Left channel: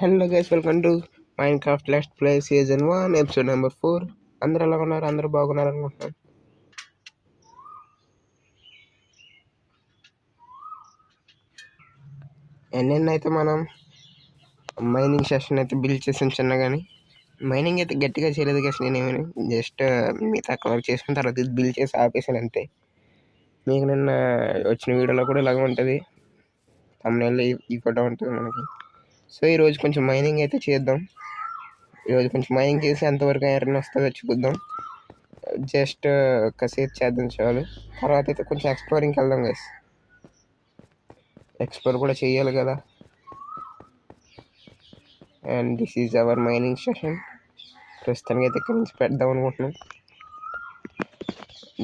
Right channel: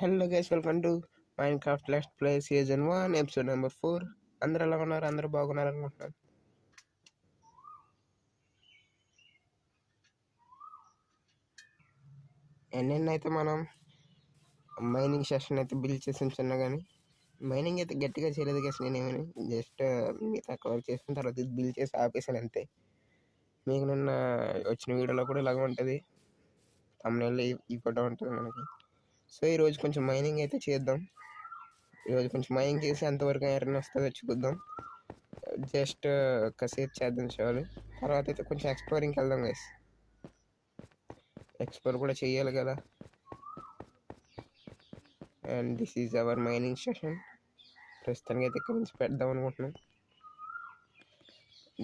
Hello guys, welcome to Minecraft let's play season 1 episode number 4. అందరూ ఎలా ఉన్నారు? అందరూ బాగున్నారు అనుకుంటున్నాను. ఎన్నెన్నైతే మనం మైనింగ్ సెషన్ అయితే బిల్డ్ చేసాం చిన్నగాని. మైనింగ్ అయితే గట్టిగా చేయలేదు గైస్. నేనేమని జస్ట్ మిగతా కవర్ చేసిన తర్వాత బిల్డ్ చేసి ఆపేసాను అంతే. మీకు నిన్న వచ్చిన వీడియోలో కూడా ఇలాగ ఉంటుంది, thumbnail ఈ ఫోటో ఉంటుంది మనకి. సో ఈరోజు కొంచెం మైనింగ్ అయితే చేద్దాం. ఈరోజు కొంచెం మైనింగ్ చేసి ఎంతవరకు ఐరన్ వస్తుందో చూద్దాం. జస్ట్ కాసేపు చేద్దాం చాలు. తర్వాత అయితే కొంచెం ఎక్స్ప్లోరింగ్కి వెళ్దాం గైస్. ఎక్స్ప్లోర్ కూడా చేయాలి కదా. And this is our mining session. ప్రస్తుతానికి అయితే ఇక్కడి నుంచి పెడదాం అనుకుంటున్నాం.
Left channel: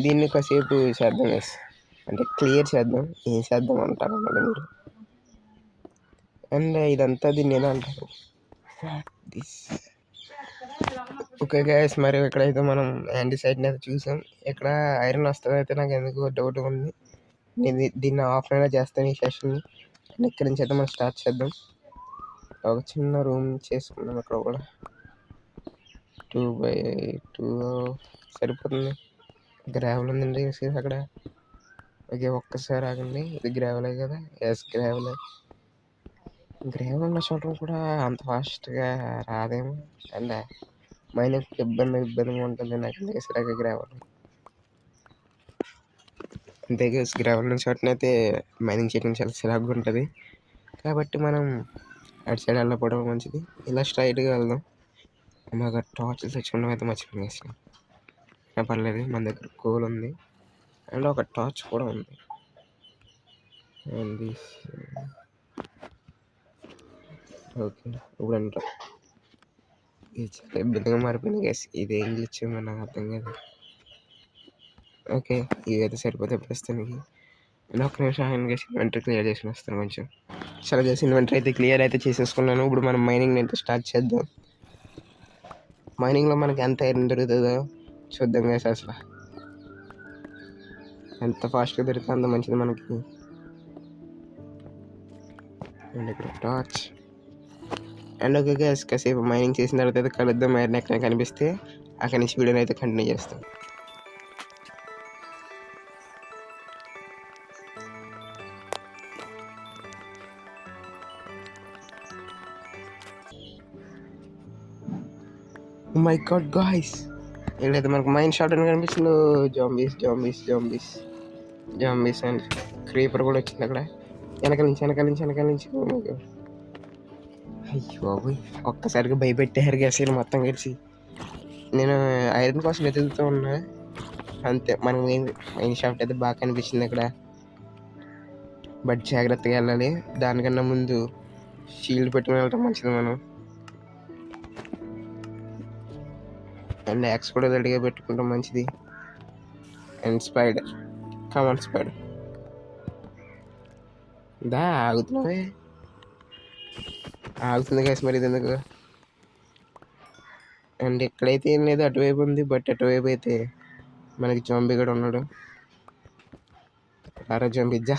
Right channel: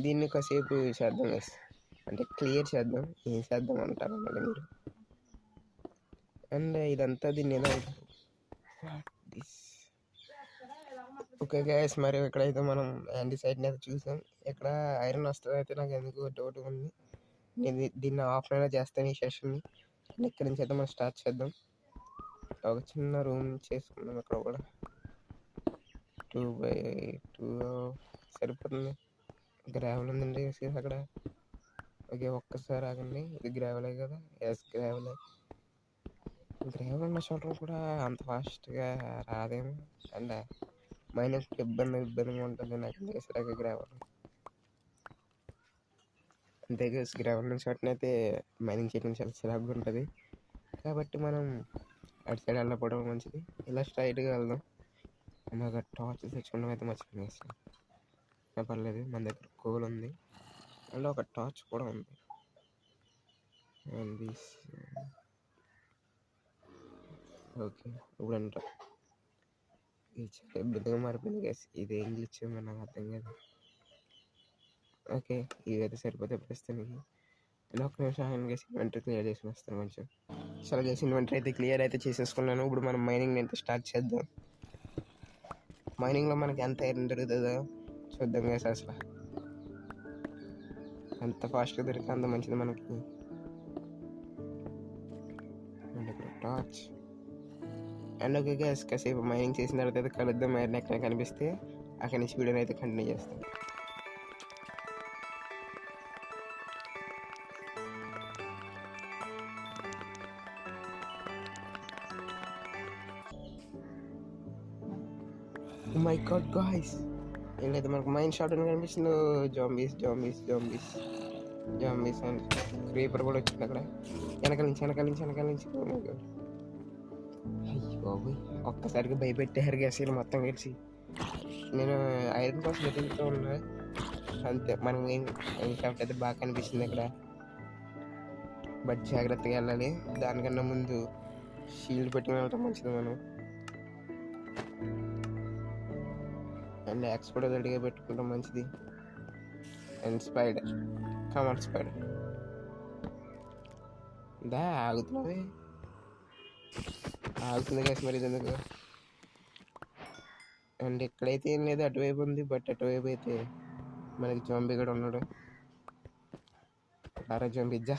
దీన్ని కాసేపు చేద్దాం గైస్, అంటే క్లియర్ చేద్దాం. ఏం చేద్దాం అంటారు అన్నమాట మీరు. అండ్ ఇదంతా దీన్ని ఎలా అంటారు, ఓకే గైస్. మరి ఇక్కడైతే మనం యాంటీసైడ్ని అయితే చూసాం. ఇక్కడ ఐరన్ వస్తుంది అయితే నాకు ఎందుకు డౌట్ ఉంది. నేను దీన్ని ఆఫ్లైన్లో చేస్తాను ఈ సెషన్ని. ఇక్కడి నుంచి అయితే మనం స్టార్ట్ చేద్దాం. ఒక చిన్న రూమ్ చేసుకున్నాం. అక్కడ కూడా 2x2 సరిపోతుంది. గ్రావెల్ ఉందండి అక్కడ. ఓకే, ఒక్కసారి ఆగండి. ఇది గ్రావెలే కదా? ఎస్, గ్రావెలే. గ్రావెల్ ఉన్న చోట కూడా అంత ఫాస్ట్గా రాదేమో. అండ్ మైనింగ్ ఇబ్బందిగా ఉంటుంది నాకు. ఎందుకు సరిగ్గా గ్రావెల్ అంతే గైస్. గ్రావెల్ ఉన్న చోటనైతే మైనింగ్ చేయడం చాలా చిరాకుగా ఉంటుంది. కాబట్టి మనం అటు సైడ్ వెళ్ళకపోవడం మంచిది. ఇలా స్ట్రైట్గా వెళ్దాం. మాకు టార్చ్ తెచ్చుకోవడం అయితే మర్చిపోయింది. పర్లేదు, మన దగ్గర కోల్ ఉంది అండ్ ఒక టార్చ్ కూడా ఉంది. అండ్ ఓకే, ఇప్పుడు అంట ఇది చాలా ఇబ్బందిగా మారిపోయింది గైస్. ఇది ఏం ఇచ్చామో నాకు అర్థం కాదు. ఓకే, ఇవైతే సరిపోతే ప్రస్తుతానికి. నేను ఒక్క నిమిషం ఆయన చేసి ఇన్వెంటరీ క్లియర్ చేసి వస్తాను కొంచెం. చాలా చేసి ఇన్వెంటరీ అయితే క్లియర్ అయితే చేసేసుకున్నాను. ఇప్పుడు మనం మైనింగ్ అయితే స్టార్ట్ చేద్దాం. మైనింగ్లో మనకి ఎంత ఐరన్ దొరుకుతుందో చూద్దాం గైస్. అసలు ఎంత ఫాస్ట్గా దొరికితే అంత మంచిది మనకి. అండ్ ఇక్కడ టార్చ్. అండ్ ఓకే గైస్, కాసేపు మైనింగ్ చేసిన తర్వాత అయితే కలుద్దాం. ఐరన్ ఎక్కడ కనిపిస్తే అక్కడి నుంచి వీడియోని అయితే కంటిన్యూ చేస్తాం. మై గాడ్ గాయ్స్, ఏదైతే మనకు మైన్ షాట్ అని కనిపిస్తుందో జాంబీస్ అండ్ క్రీపర్ కూడా వచ్చింది అక్కడ. వెనకాల నుంచి అయ్యో బాబోయ్, ఒక్కసారిగా భయపెట్టారు గ్యాస్ మొత్తం కలిసి. నేను ఐరన్ కోసం వెతుకుతూ ఉన్నా అంతే. మనకు మైన్ షాట్ అయితే బాగా కనిపించింది అక్కడ. బట్ జాగ్రత్తగా వెళ్ళాలి. దానికన్నా ముందు షీల్డ్ పెట్టుకుని వెళ్ళటం మంచిది మనం. అండ్ యాక్స్ కూడా రెడీగా పెట్టుకుంటాం మంచిది. అండ్ స్పైడర్, కమాన్ స్పైడర్, దా ఆగుతుంది గైస్ మరి ఇది ఎందుకు. అండ్ ఎక్కడైతే ఏం లేదు, అటువైపు ఉంది. బట్ అటువైపు అయితే మనకి జాంబీ కూడా ఉన్నాడు. అరా జాంబీ జా.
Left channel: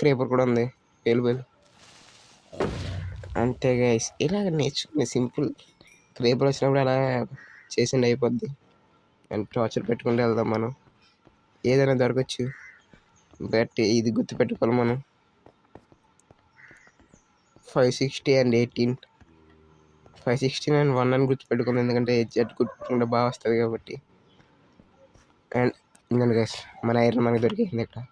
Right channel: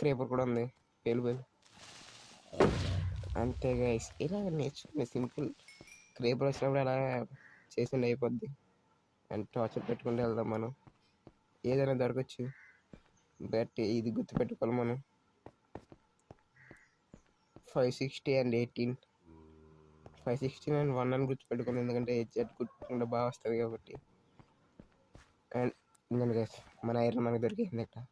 క్రీపర్ కూడా ఉంది అవైలబుల్. అంతే గైస్, ఇలా నేర్చుకునే సింపుల్. క్రీపర్ వచ్చినప్పుడు అలా చేసిండి అయిపోద్ది. అండ్ టార్చర్ పెట్టుకుంటూ వెళ్దాం మనం. ఏదైనా దొరకచ్చు, బట్ ఇది గుర్తుపెట్టుకోవాలి మనం. 560 and 18, 516 and 1 అని గుర్తుపెట్టుకుంది. ఎందుకంటే జెడ్ గుర్తుపెట్టుకుంటే బాగా వస్తుంది కాబట్టి. అండ్ ఇందని గైస్, మన ఐరన్ మనకి దొరికింది ఇక్కడ.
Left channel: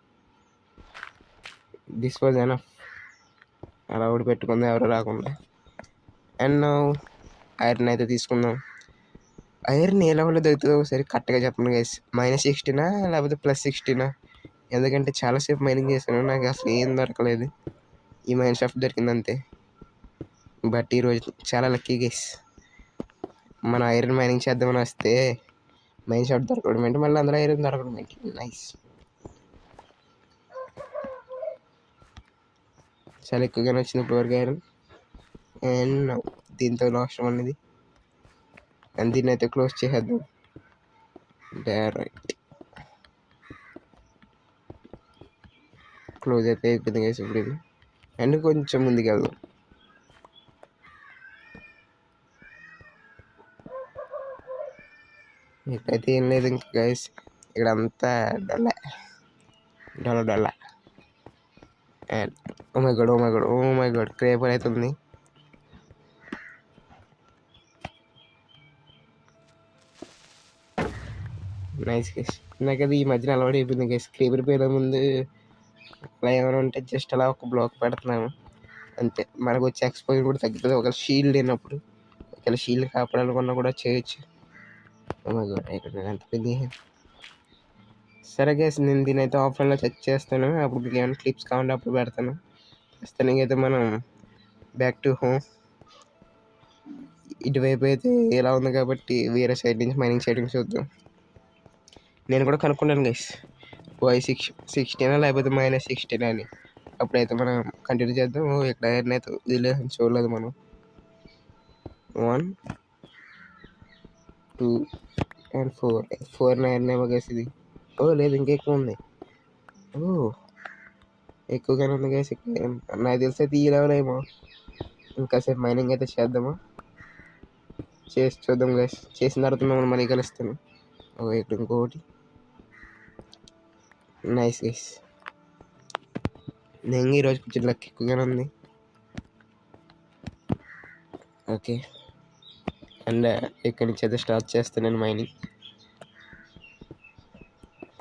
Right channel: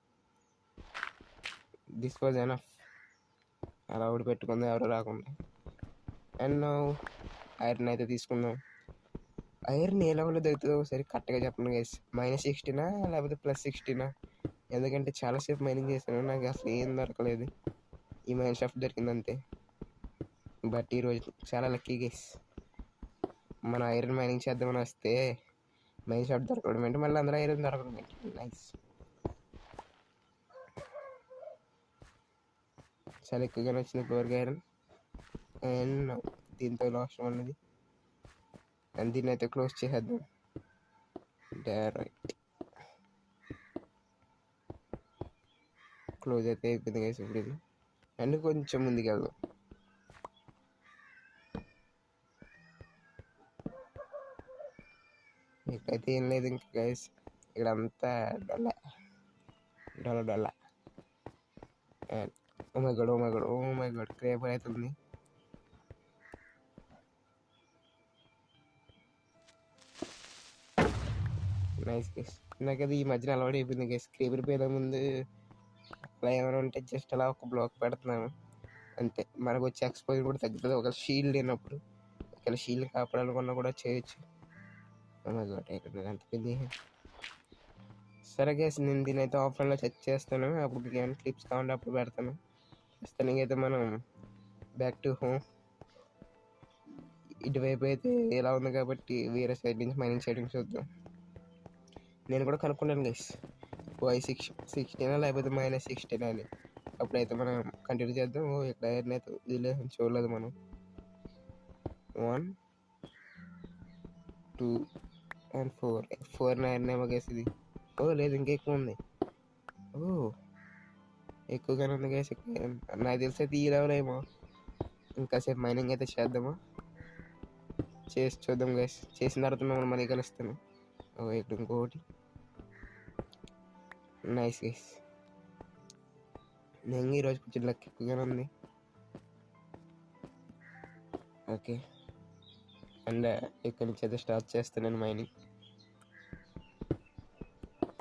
This was enough. అలా కూడా పెట్టుకుందాం ఎవరు రాకుండా. అండ్ ఐరన్ అయితే తీసుకుందాం. ఐరన్ ఏ లెవెల్లో దొరుకుతుందో ఒకసారి కరెక్ట్గా చెప్పండి గైస్. -16 లేకపోతే +16? ఎందుకంటే చాలాసేపు మైనింగ్ చేశాను, నాకు అసలు ఏం దొరకలేదు. ఈ మైన్ షాఫ్ట్ దొరికింది అంతే. బట్ ఈరోజు చాలా లక్కీ గైస్. మన ఐరన్ మైనింగ్ చేద్దామని వస్తే మైన్ షాఫ్ట్ దొరకడం ఏంటి, మళ్ళీ అందరూ ఐరన్ దొరకడం ఏంటి. నైస్, చాలా ఎక్కువగానే వచ్చింది ఇప్పటివరకు ఐరన్. అండ్ దీంతో లాస్ట్ అనేది. అండ్ దీన్ని అయితే క్లోజ్ చేసేద్దాం డైరెక్ట్. క్లోజ్ అయితే అయిపోయింది గైస్ ఇప్పుడు ఇది. అండ్ కొంచెం ముందుకు వెళ్దాం. అయితే ఏం లేదు ఇంకా గైస్, ఇక్కడ అంతా డొల్ల డొల్ల డొల్ల. And oh my god, oh my god, oh my god, క్రేపర్ అవుతుంది. Nice guys. నాకు అది ఈ మధ్యన అలవాటు అయిపోయింది గైస్. క్రేపర్ పోయే ముందు అలా ఏమైనా ఉంటే జస్ట్ అలా ఒక బ్లాక్ పెడుతున్నాను అంతే. మనకు వచ్చే ఎక్స్పోజర్ కూడా తగ్గుతుంది ఒక షీల్డ్ లేనప్పుడు. ఒకవేళ షీల్డ్ కాపాడాలనుకున్నా కూడా చేయొచ్చు. ఓ మై గాడ్, అయిపోయింది అంత పెద్ద. సరే గైస్, నేను దీని అయితే ఆఫ్లైన్లో చెక్ చేస్తాను. అప్పుడు మీకు ఏమైనా క్లిప్స్ కావాలంటే అప్పుడు పెడతాను. ప్రస్తుతానికి అయితే మనం బ్యాక్ టు హోమ్. ఇటువైపు అయితే ఎలా ఉంది కాబట్టి వేరే సైడ్ నుంచి మైనింగ్ సైడ్ నుంచి చూద్దాం. నేను కూడా కనుక్కున్నాను గైస్, Y16 లేకపోతే -16 అని. అప్పుడైతే మనం కంటిన్యూ చేద్దాం. ఇక్కడ ఐరన్ అయితే వదిలేదు, చూడలేదు మనం. 1 2 and 4 ఐరన్ ఏమో గైస్ ఇది. ఓ లేదు, ఇంకా ఎక్కువ ఉంది. ఓ ఎక్కువగానే ఉంది గైస్. నాకు తెలిసి అయితే ఈ లెవెల్ ఏమో. ఇంకాసేపు మైనింగ్ అయితే చేద్దామా, చేసి చూద్దాం గైస్. చేసిన తర్వాత మిమ్మల్ని మనీ కలుస్తాను. ఇక్కడ ఇంకోటి. నైస్ గైస్, నేను ఈరోజు కొంచెం లక్ ఎక్కువగానే ఉంది. ఓకే, అండ్ ఇక్కడి నుంచి అయితే స్టార్ట్ చేస్తాను మైనింగ్.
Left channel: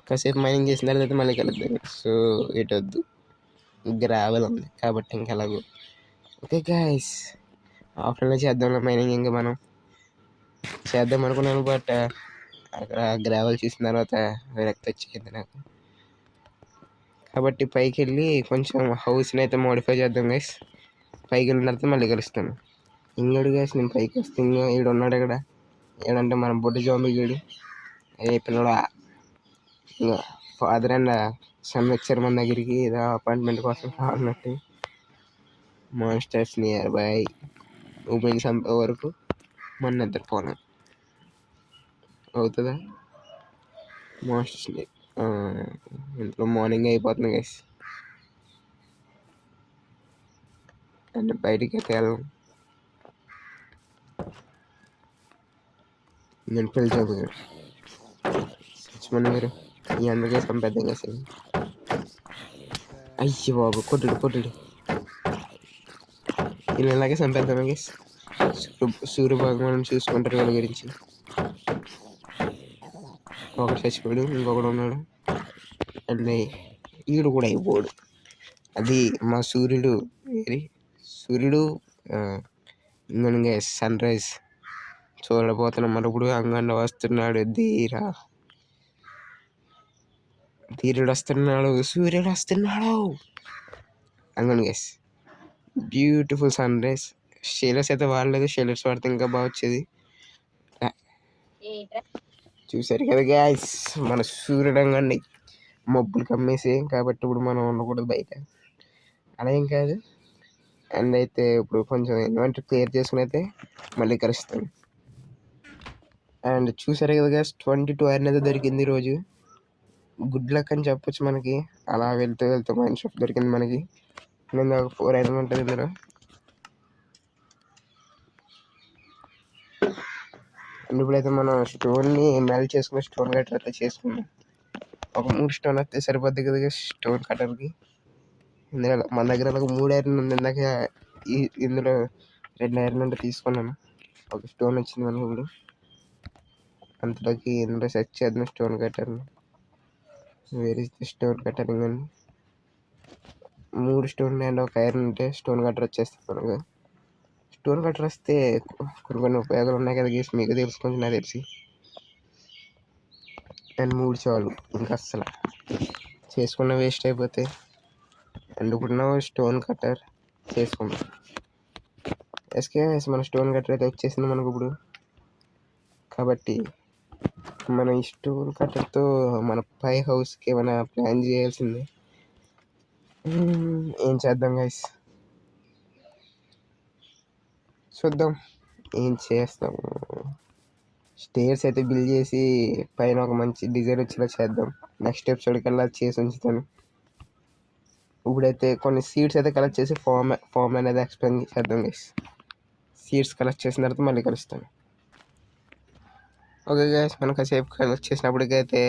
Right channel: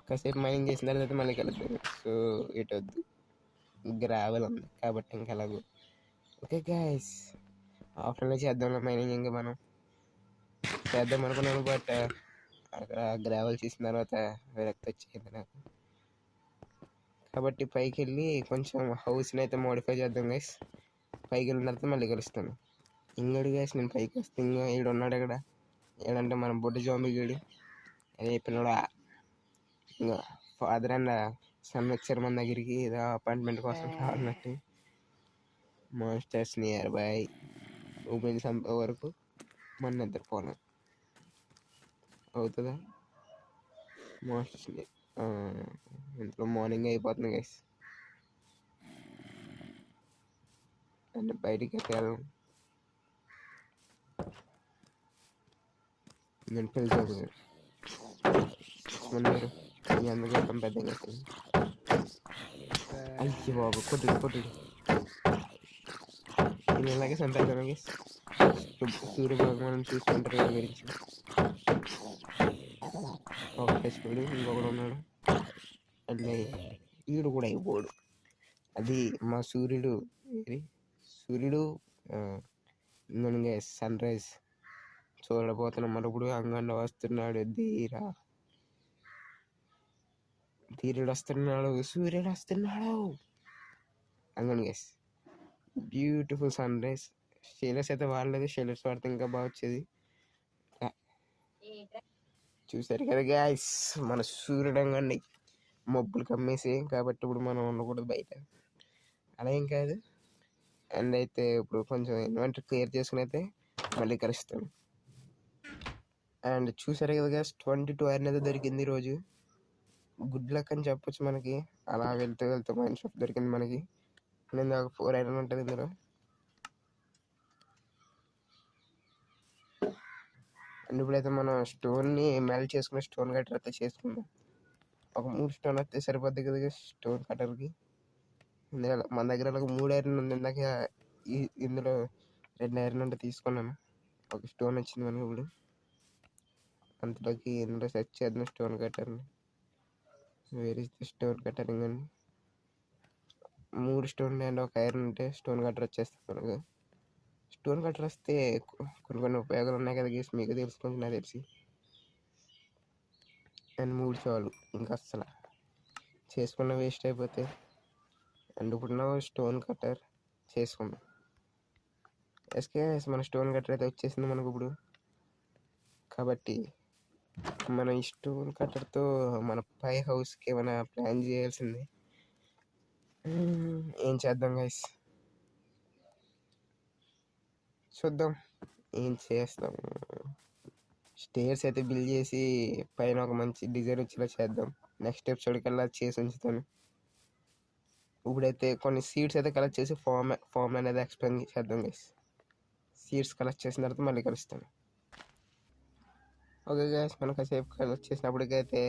కాసేపు మైనింగ్ చేసిన తర్వాత మళ్ళీ కలుద్దాం. సో ఇటు వద్దు, గ్రావెల్ ఉంది కాబట్టి ఇంకెలాగో. ఓకే గైస్, ఆఫ్లైన్లో చేద్దాం మైనింగ్. ఇంకా మనం చేద్దాం అనుకున్నాను, బట్ అక్కడ గ్రావెల్ చూసిన తర్వాత విరక్తి వచ్చింది నాకు. కాబట్టి పైకి వెళ్ళి కొంచెం హౌస్ని అయితే మోడిఫై చేద్దాం గైస్. పైకి వెళ్ళిన తర్వాత మళ్ళీ కలుస్తాను. ఇంకోటి గైస్, నేను పైకి వస్తే ఈడు ఉన్నాడు ఇక్కడ. ఏడంటే మన బొడ్డు జాంబీ గీడు. ఏ పిల్లడా, ఇంకా ఫాదర్ అండ్ సన్ వచ్చారు మన దగ్గరికి ఏదో అపాయింట్మెంట్ కోసం కావాలన్నట్టు. Monsters nearby. ఉమెన్ చంపే వరకు మన నిద్రపోను అవుతుందా? మాన్స్టర్స్ని ఇంట్లో మార్నింగ్ అయిపోతుంది గైస్. అండ్ బయటికి వెళ్ళాం. నేను పెళ్లి చేయబోయాడు మీరు ఈ అందరికీ సంపేద్దాం కదా. అయ్యి బాబు, కొట్టుడు ఇలా ఇలాగే సంపేద్దాం గైస్. సూర్య భగవాన్ చూసుకుంటారు వీళ్ళ గురించి. ఒక చచ్చిపోయాడు, ఇంకొకడు ఉన్నాడు. అండ్ ఈడు కూడా అయిపోడు. అది మా సూర్యుడు ఇంకా సన్ రైజ్ చూడబోతున్నాం. మరి ఇప్పుడు అంగండ వస్తున్నాడు. ధీరుడు వస్తున్నాడు, సూర్యుడు వస్తున్నాడు. అంగన్ గైస్, బ్యూటిఫుల్ సన్ రైజ్. షేలర్స్ అయితే వాడలేదు, షేలర్స్ వాడితే ఇంకా బాగా వచ్చేది. చూసారు కదా గైస్, మన సూర్యుడు అంగండి మబ్బులు కమ్మేసి. కాబట్టి ఇప్పుడు మనం ఉండకూడదు బయట, అలా ఏం కాదు. అండ్ అయితే ఇప్పుడు కొంచెం ఇన్వెంటరీ క్లియర్ చేసుకుని అయితే మళ్ళీ కలుస్తాను. అండ్ చూసారు కదా గైస్, 22 ఐరన్ అయితే దొరికింది ఈరోజు. గుడ్ లక్ అని చెప్పొచ్చు మనకి. అలా వెళ్తూ మైన్ షాప్ దొరికింది మనకి. నేను ఒక 4 ఐరన్ ఉంటుంది ఇందులో. అండ్ ఇప్పుడైతే మనం స్టోన్ని మెల్ట్ చేసుకుని స్టోన్ కట్టర్ అయితే చేసుకున్నాం. ఒక 3 స్టోన్ వస్తే సరిపోద్ది కదా స్టోన్ కట్టర్కి. ఇందులో మన దగ్గర ఒక 3 ఐరన్ ఉంది. ఇందాక ఇందులో 2 ఐరన్ అంటే తీసుకున్నాను. ఒక స్టోన్ వచ్చింది మనకి ఇప్పుడు. అంతలోకి ఇందులో సెట్ చేద్దాం స్టోన్ కట్టర్ని. వేరే స్టోన్ కట్టరింగ్ అని 3 స్టోన్ అండ్ ఒక ఐరన్ ఉంటే స్టోన్ కట్టర్ వచ్చేస్తుంది మనకు. స్టోన్ కట్టర్ వస్తే కొన్ని ఉపయోగాలు ఉన్నాయి కదా గేసి, మీకు తెలుసుకుంటే నాకు తెలిసి. అండ్ 3 చాలు, ఇంకా అస్సలు చేసుకున్న వేస్ట్ అయిపోతే. అండ్ ఇప్పుడు స్టోన్ కట్టర్ చేసుకుంటాం. ఎస్కే మన స్టోన్ కట్టర్ అయితే వచ్చేసింది మనకు ఇప్పుడు. కాబట్టి మన ఈ స్టోన్ కట్టర్తో మన పై హౌస్కి ఏమైనా ప్లాన్ చేయాల్సిందే. ఏం చేద్దాం గైస్, చూద్దాం ఏం చేస్తాము. స్టేర్స్ అయితే బిల్డ్ చేసి పైన ఒక మంచి డిజైన్ వచ్చేలా చేద్దాం. నెక్స్ట్ ఎపిసోడ్ కల్లా చేసి ఉంచుతాను. ఇప్పుడైతే కొన్ని సీడ్స్ అయితే కలెక్ట్ చేసి ఫామ్ అనేది ఎక్స్ప్లెయిన్ చేద్దాం గైస్. సీడ్స్ కలెక్ట్ చేసిన తర్వాత మళ్ళీ కలుస్తాను. ఓకే గైస్, మనకు కాసేపు కలెక్ట్ చేసినప్పటికైతే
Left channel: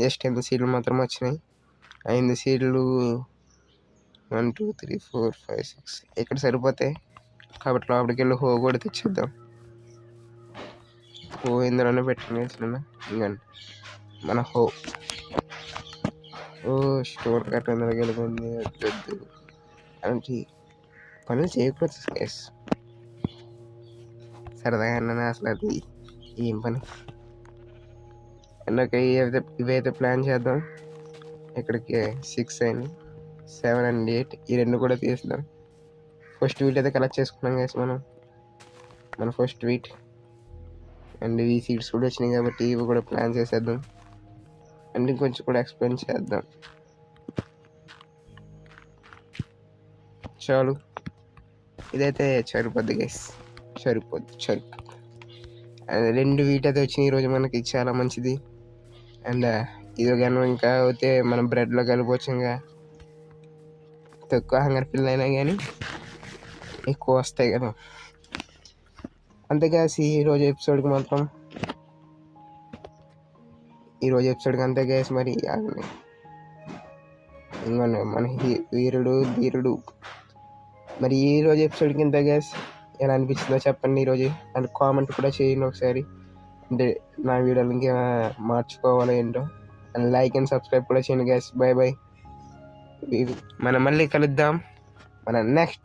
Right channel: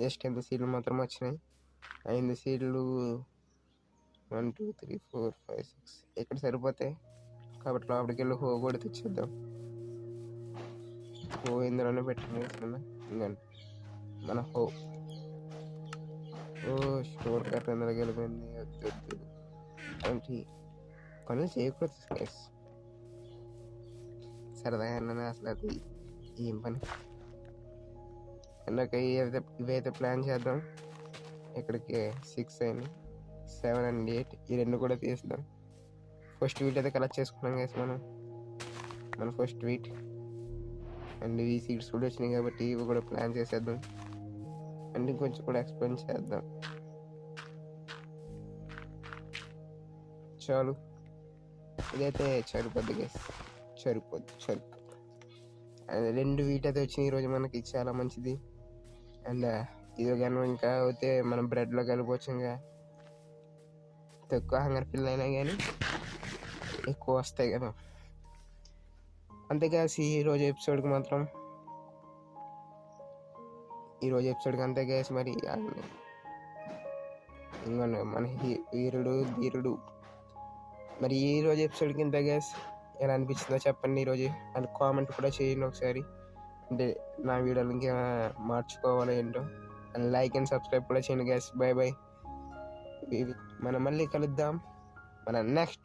జస్ట్ 8 సీడ్లు మాత్రం వచ్చినాయి. 5 సీడ్లు 1 2 3 4 5 6 ఇక్కడ సరిపోతాయి కాబట్టి లోపలికి వెళ్ళి హో కూడా తెచ్చేద్దాం. హో ఇందులోనే పెట్టండి ఇంకండి మన హో. ఓ స్టోర్ కట్ ఇందులోకి వెళ్ళిపోయింది. వద్దు అంటే పనులు చేయకపోతే గైస్ సరదాగా అన్నా అసలు అది ఏం పని. అండ్ ఇవైతే ప్లాన్ చేద్దాం. ఇక్కడికి 6 అయినాయి, 7 అండ్ 8 ఈ రెండు కూడా తీద్దాం. ఫస్ట్ వీట్ అయితే కలెక్ట్ చేసుకున్నాం గైస్ మన ఫస్ట్ వీట్. అండ్ ఈ సీడ్స్ కూడా వచ్చినాయి కాబట్టి ఇవి కూడా ప్లాన్ చేసేద్దాం. అండ్ ఇంకొంచెం కూడా ఎక్స్ప్లెయిన్ చేద్దాం. చాలు, ఇదైతే సరిపోద్ది గైస్, సరిపోద్ది. అండ్ 2 వీట్ అయితే వచ్చినాయి ఈరోజు మనకి, చాలా మంచిది. అండ్ ఇది కానీ ఇంకా అయితే మనం బ్రెడ్లో కలపవచ్చు. ఇంకా తక్కువ హంగర్ ఫిల్ అయినా కానీ ఎక్కువ వస్తాయి కదా. అంతేగా ఈరోజు ఎపిసోడ్కి అంతే గైస్. మరి ఇంకా మన వీరుడు మరి ఈరోజు ఎపిసోడ్కి ఇంత గైస్. ఎలా అనిపించిందో చెప్పండి ఈరోజు, అండ్ కామెంట్ కూడా చేయండి ఒకసారి. అంటే నా వీడియోలు ఇంకేమైనా మార్చుకోవాలో ఏంటో. అండ్ లైక్ అండ్ సబ్స్క్రైబ్ కూడా చేయండి గైస్. బై బై, మనం మళ్ళీ కలుద్దాం మన నెక్స్ట్